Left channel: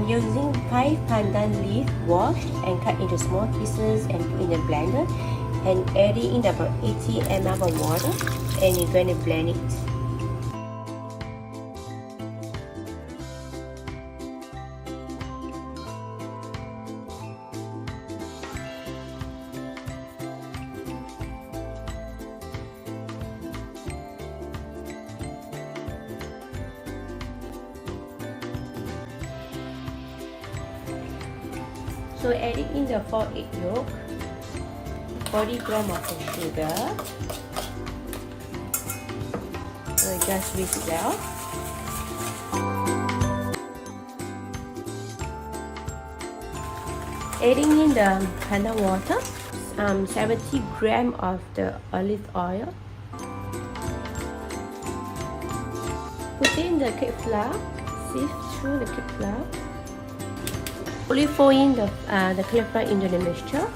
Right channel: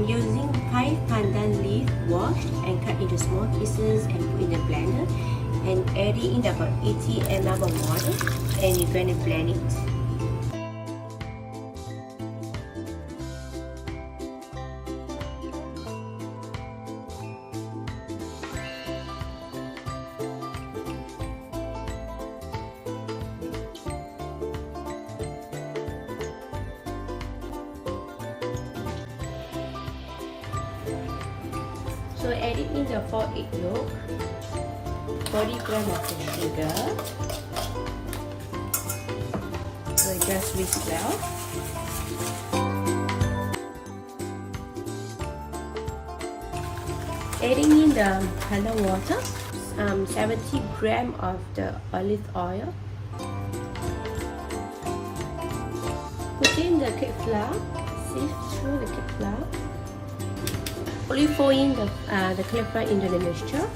Using Pea Pandan leaf, washed and cut into small pieces and put in the blender, and adding in about 80 ml of water, and you're going to blend it. So adding in the 4 egg yolk, 40 grams of the sugar. So just whisk well. Adding in the pandan water, 70 grams of the olive oil. Put in the cake flour, sift through the cake flour. Fully fold in the cake flour into the mixture.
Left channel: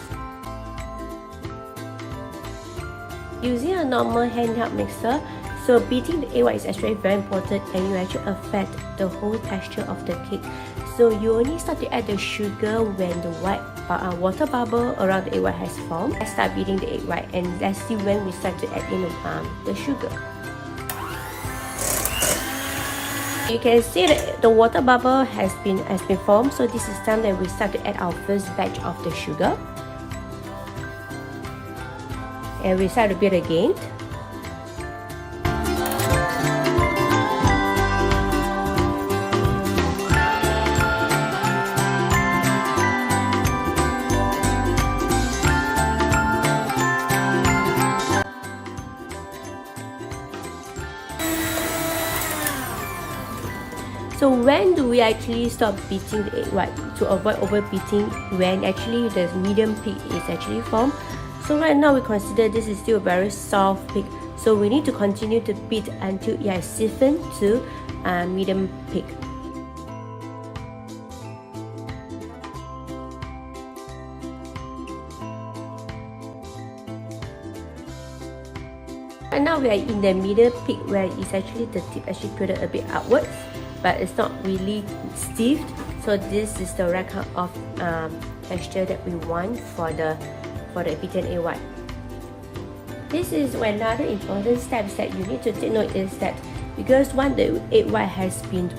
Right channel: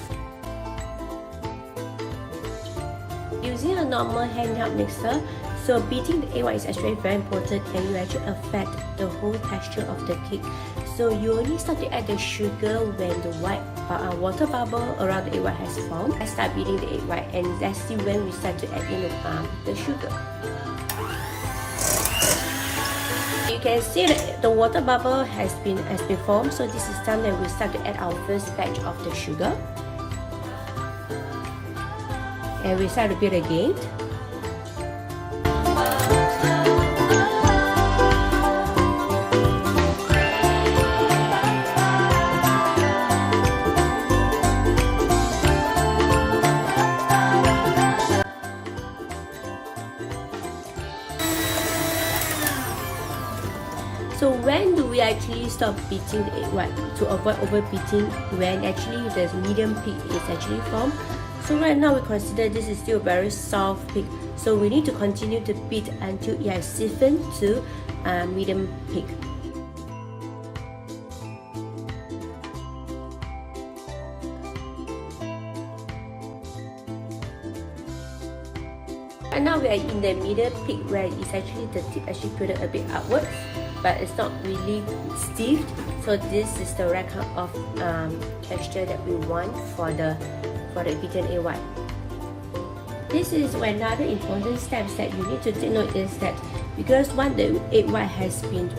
Using a normal handheld mixer, so beating the egg white is actually very important, and it will actually affect the whole texture of the cake. So you only start to add the sugar when the white water bubble around the egg white has formed. Let's start beating the egg white, and let's see when we start to add in the sugar. You can see that the water bubble has been formed, so this is time that we start to add our first batch of the sugar. And we start to beat again. So when do we actually stop beating the egg white to avoid overbeating? When actually the medium peak is actually formed. So right now we consider this is still a very soft peak. So we need to continue to beat until it has stiffened to medium peak. Right now we are in the middle peak where it's actually the tip actually put a bit upwards, but it's not really stiff. So this is the right kind of texture that we want for the beaten egg white. This is another important step that you need to take note is that because once the egg white has been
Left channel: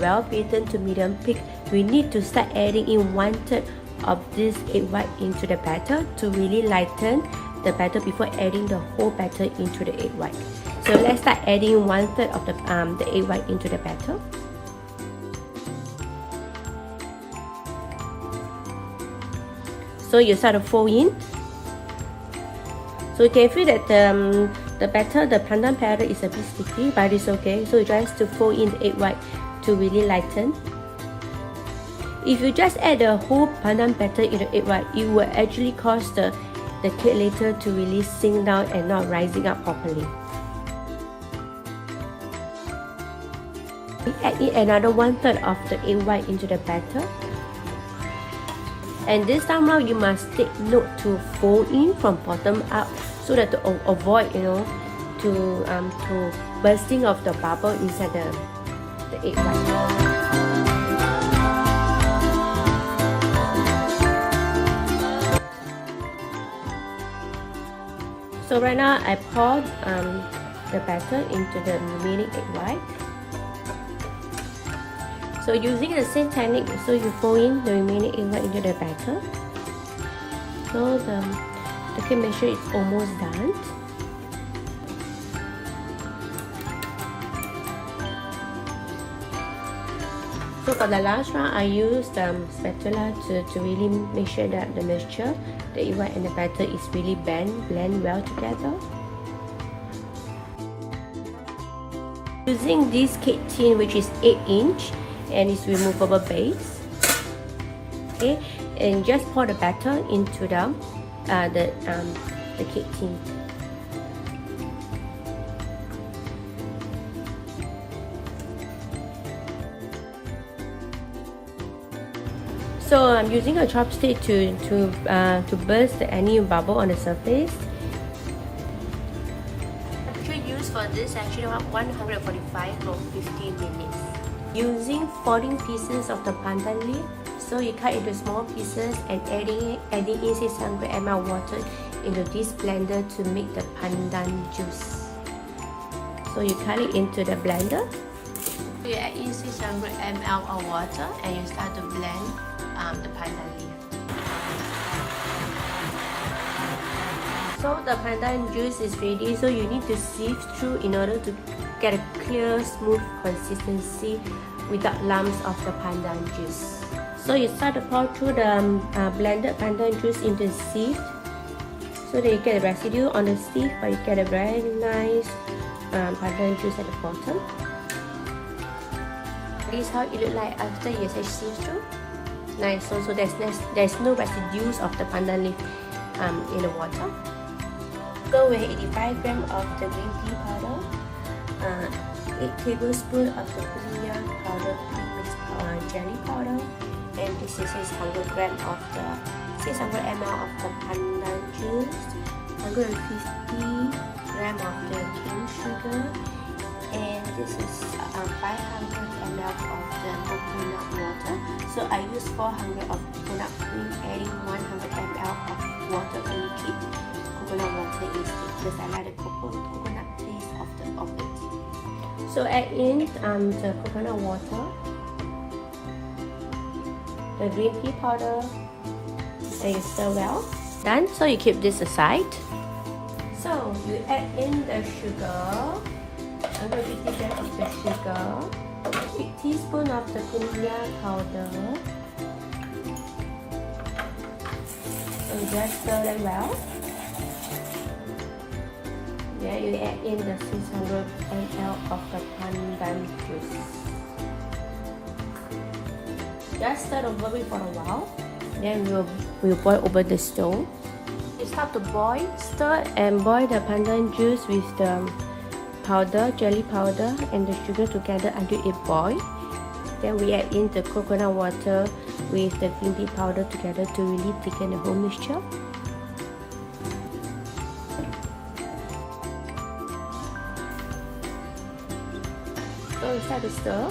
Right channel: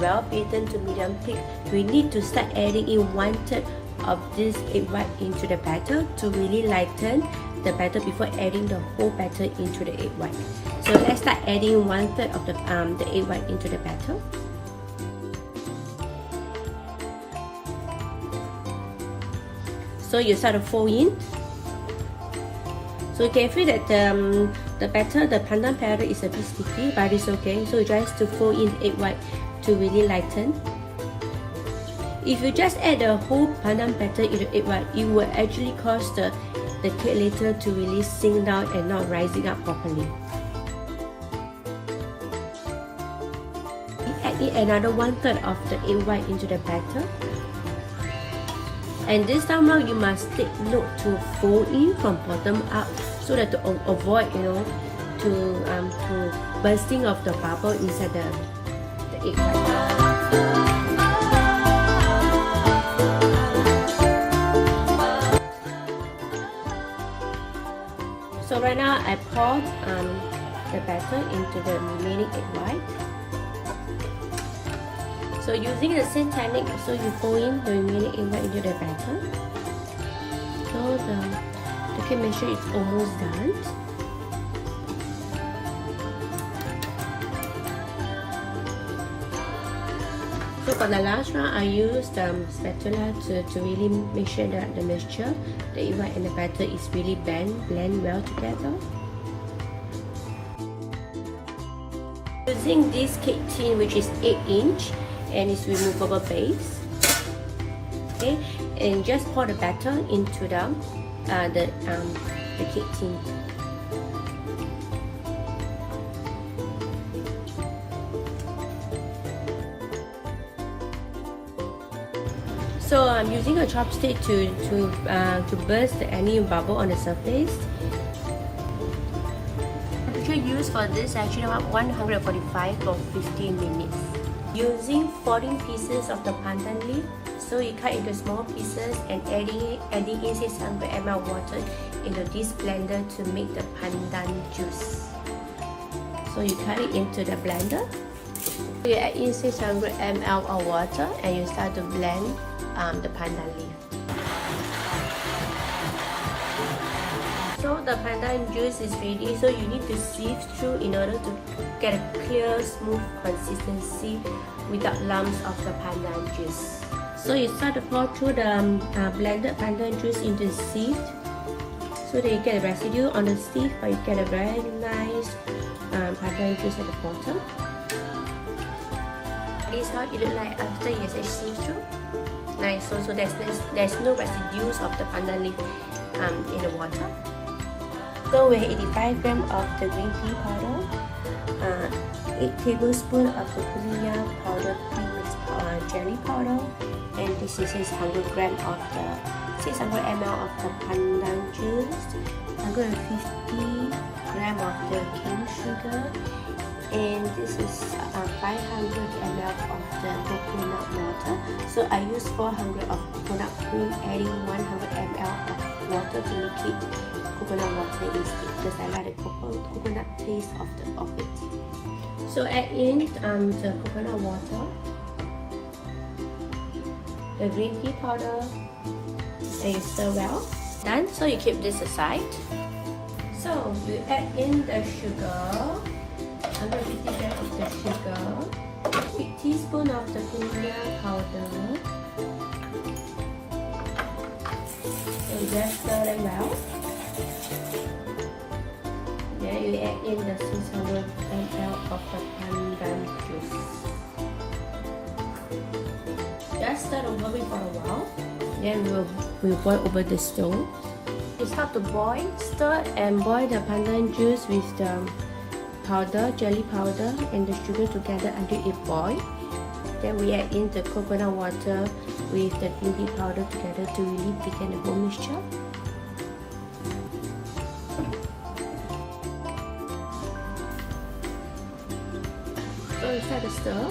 well beaten to medium peak, we need to start adding in 1/3 of this egg white into the batter to really lighten the batter before adding the whole batter into the egg white. So let's start adding 1/3 of the egg white into the batter. So you start to fold in. So you can feel that the batter, the pandan batter is a bit sticky, but it's okay. So you just to fold in the egg white to really lighten. If you just add the whole pandan batter in the egg white, it will actually cause the cake later to really sink down and not rising up properly. Add in another 1/3 of the egg white into the batter. And this time round, you must take note to fold in from bottom up so that to avoid, to bursting of the bubble inside the egg white. So right now, I poured the batter into the remaining egg white. So using the same technique, so you fold in the remaining egg white into the batter. So the cake mixture is almost done. So for the last round, I used spatula to really make sure that the mixture, the egg white and the batter is really blend well together. Using this cake tin, which is 8" and it's removable base. Okay, and just pour the batter into the cake tin. So I'm using a chopstick to burst any bubble on the surface. Temperature used for this actually about 145 for 15 minutes. Using 14 pieces of the pandan leaf, so you cut into small pieces and adding in 600 ml water into this blender to make the pandan juice. So you cut it into the blender. You add in 600 ml of water and you start to blend the pandan leaf. So the pandan juice is ready, so you need to sieve through in order to get a clear, smooth consistency without lumps of the pandan juice. So you start to pour through the blended pandan juice into the sieve, so that you get a residue on the sieve, but you get a very nice pandan juice at the bottom. This is how it looks like after you sieve through. Nice, so there's no residues of the pandan leaf in the water. So we have 85 grams of the green pea powder, 8 tablespoons of the konnyaku powder pre-mixed jelly powder, and this is 600 grams of the 600 ml of the pandan juice, 150 grams of the cane sugar, and this is 500 ml of the coconut water. So I use 400 of coconut cream, adding 100 ml of water to make it coconut water instead, because I like the coconut taste of it. So add in the coconut water, the green pea powder, and you stir well. Done. So you keep this aside. So you add in the sugar, 150 grams of the sugar, 1 teaspoon of the konnyaku powder. So just stir it well. Then you add in the 600 ml of the pandan juice. Just stir over it for a while. Then we'll boil over the stove. You start to boil, stir and boil the pandan juice with the powder, jelly powder, and the sugar together until it boils. Then we add in the coconut water with the green pea powder together to really thicken the whole mixture. So we start to stir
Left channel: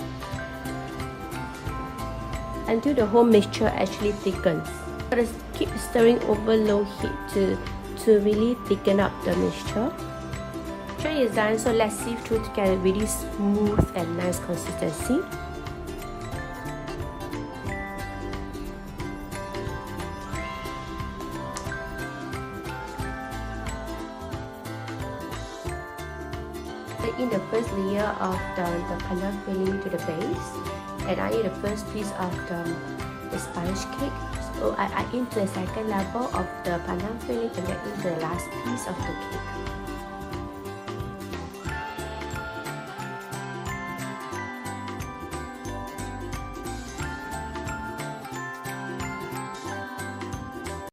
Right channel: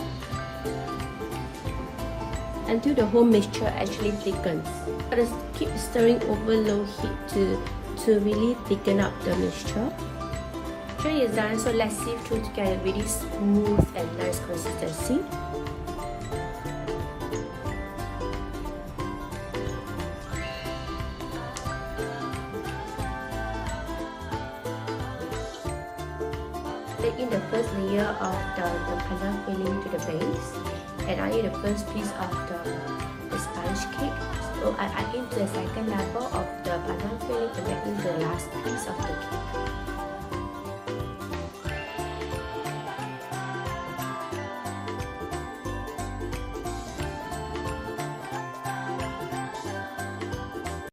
until the whole mixture actually thickens. Just keep stirring over low heat to really thicken up the mixture. Mixture is done, so let's sieve through to get a really smooth and nice consistency. Take in the first layer of the pandan filling to the